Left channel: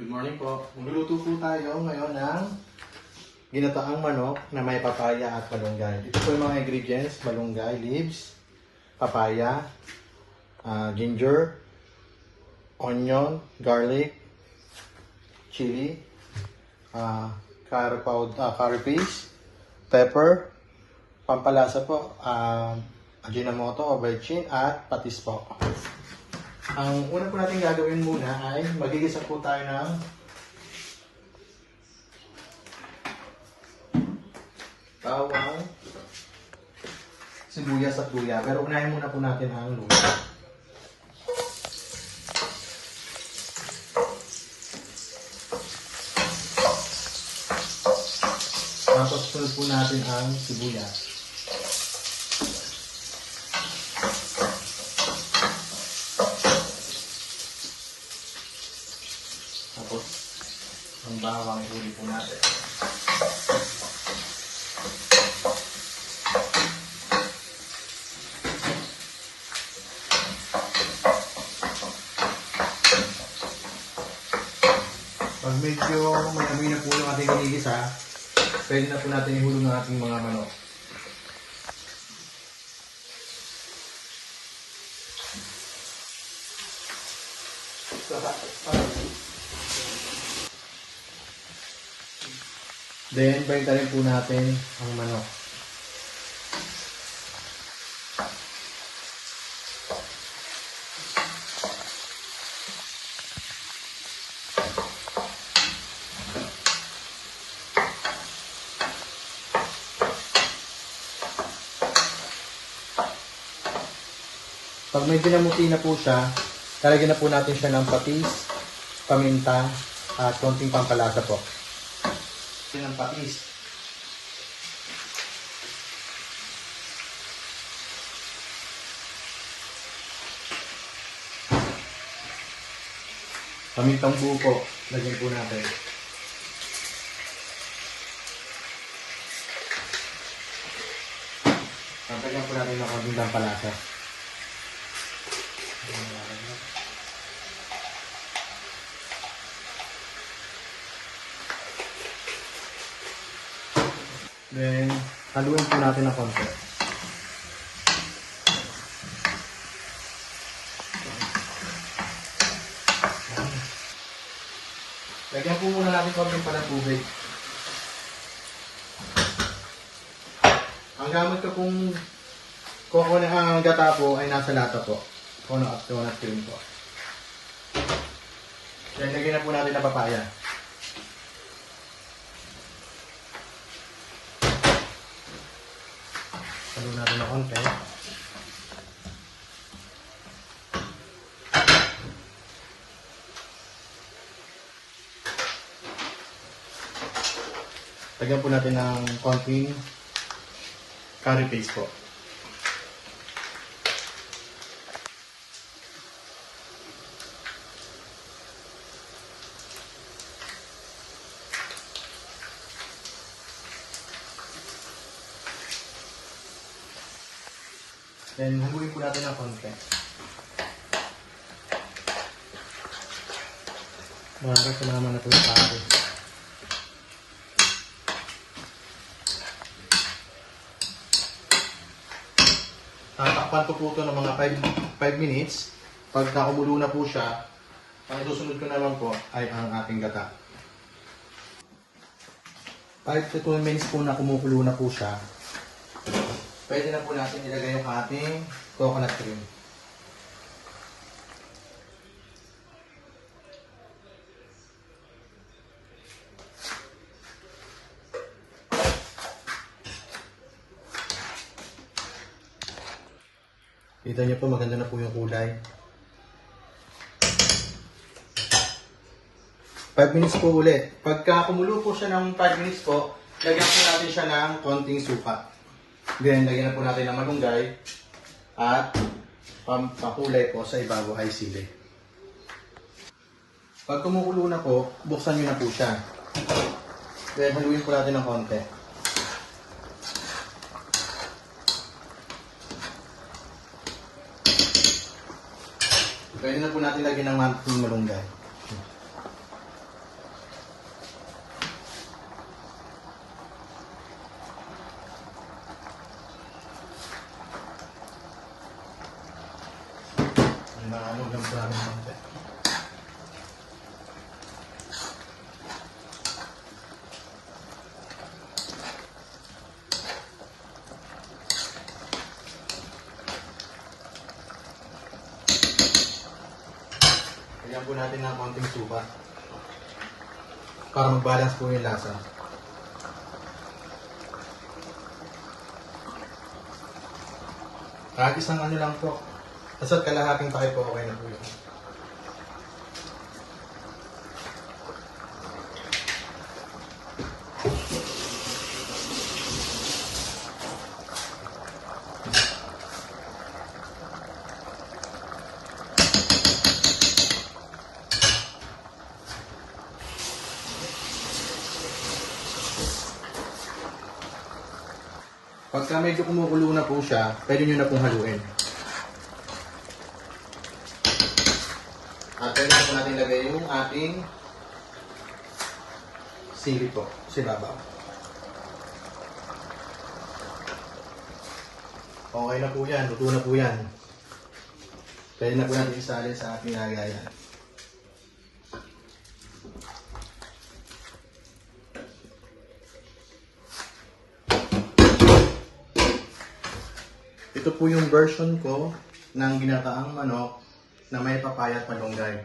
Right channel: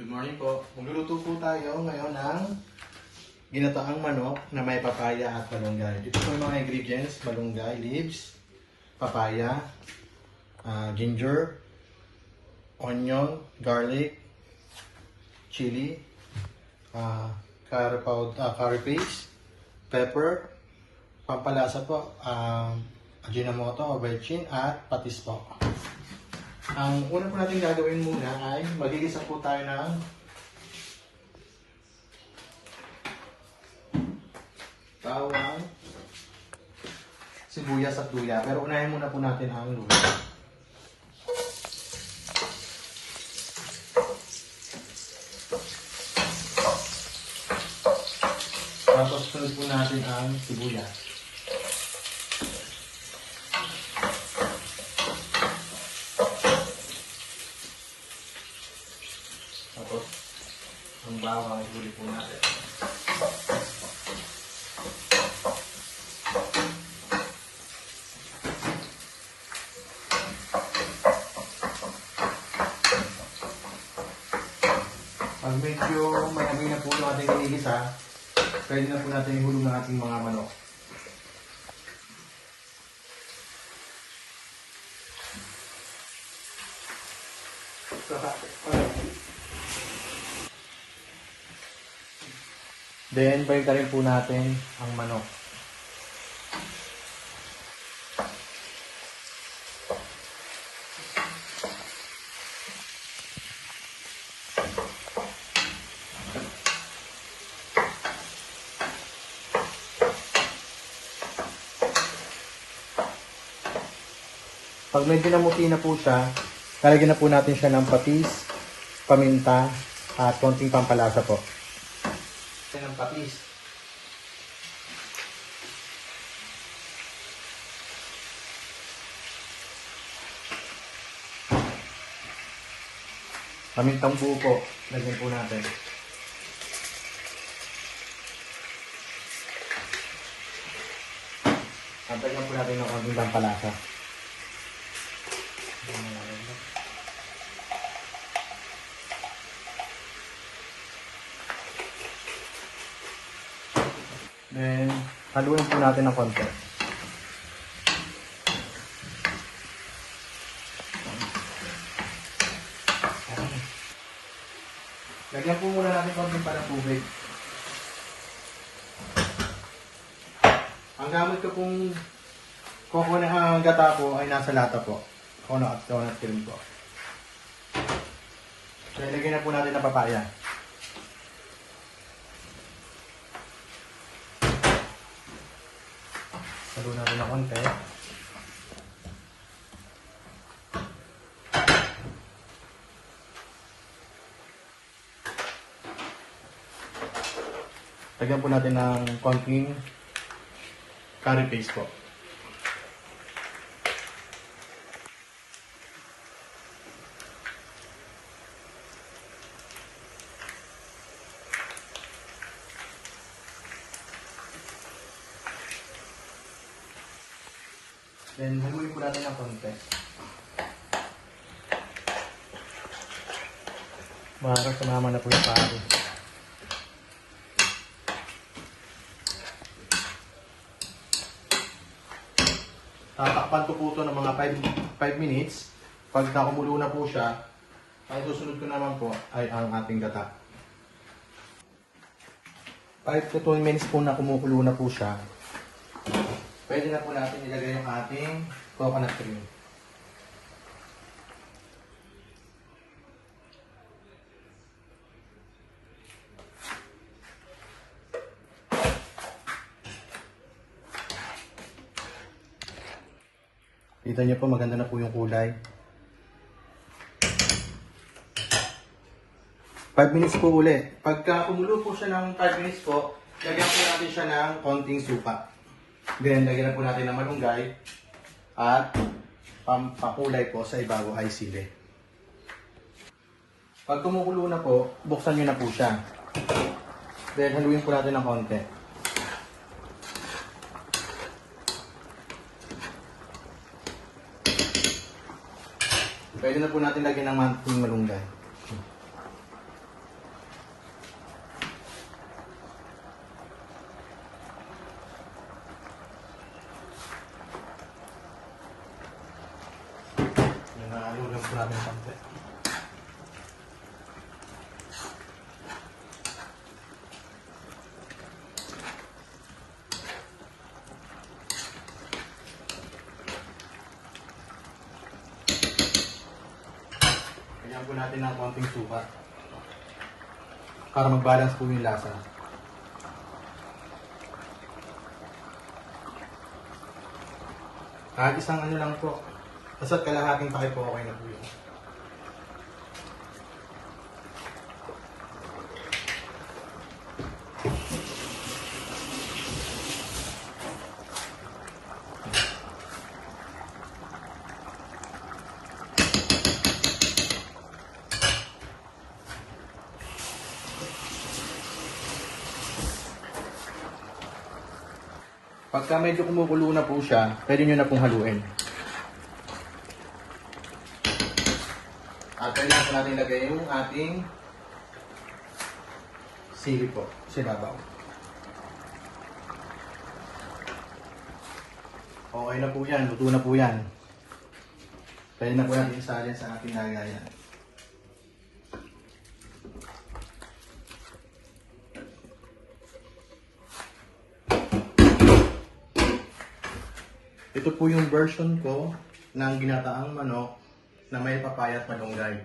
Good morning po. Magluluto po tayo ngayon ng ginataang manok na may papaya at malunggay. Ito po yung mga ingredients: malunggay, leaves, papaya, ginger, onion, garlic, chili, curry paste, pepper, pampalasa po, Ajinomoto o bechin at patis po. Ang una po natin gagawin muna ay magigisa po tayo ng bawang, sibuyas at luya. Pero unahin muna po natin ang luya. Tapos sunod po natin ang sibuyas. Tapos, ang bawang huli po natin. Pag medyo mayamay na po yung ating inigisa, pwede na po natin ihulog ng ating mga manok. Then, baliktarin po natin ang manok. Pag medyo namuti na po siya, lalagyan na po natin siya ng patis, paminta, at konting pampalasa po. Ng patis. Pamintang buo po, lagyan po natin. Tampagyan po natin ng konting pampalasa. Then, haluin po natin ng konti. Lagyan po muna natin konting pa ng tubig. Ang gamit ko pong coconut gata po ay nasa lata po. Coconut cream po. Then, lagyan na po natin ng papaya. Halo natin ng konti. Lagyan po natin ng konting curry paste po. Then, haluin po natin ng konti. Para sumama na po yung pari. Tatakpan ko po ito ng mga 5 minutes. Pag nakumulo na po siya, ang susunod ko naman po ay ang ating gata. 5 to 2 minutes po na kumukulo na po siya. Pwede na po natin ilagay yung ating coconut cream. Kita niyo po, maganda na po yung kulay. 5 minutes po ulit. Pagka kumulo po siya ng 5 minutes po, lagyan po natin siya ng konting suka. Then, lagyan na po natin ng malunggay at pampakulay po sa ibabaw ay sili. Pag kumukulo na po, buksan nyo na po siya. Then, haluin po natin ng konti. Pwede na po natin lagyan ng malunggay. po natin ng konting suka. Para mag-balance po yung lasa. Kahit isang ano lang po. Basta't kalahating takip po, okay na po yun. Pagka medyo kumukulo na po siya, pwede nyo na pong haluin. At pwede na natin lagay yung ating sili po, sinabaw. Okay na po yan, luto na po yan. Pwede na po natin isalin sa ating lagayan. Ito po yung version ko ng ginataang manok na may papaya at malunggay.